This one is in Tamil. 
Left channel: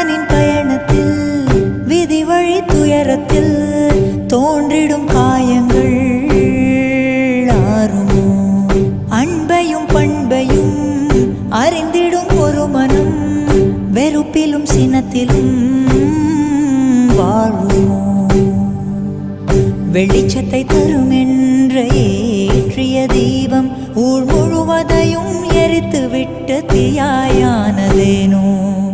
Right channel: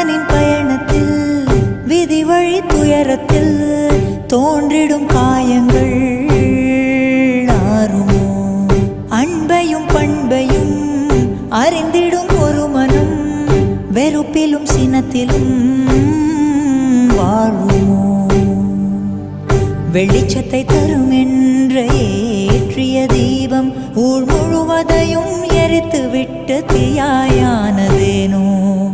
மனிதனின் பயணத்தில் விதி வழி துயரத்தில் தோன்றிடும் காயங்கள் ஆறுமோ? அன்பையும் பண்பையும் அறிந்திடும் ஒரு மனம் வெறுப்பிலும் சினத்திலும் வாழுமோ? வெளிச்சத்தை தரும் என்ற ஏற்றிய தீபம் ஊர் முழுவதையும் எரித்து விட்டு தீயாயானதேனோ?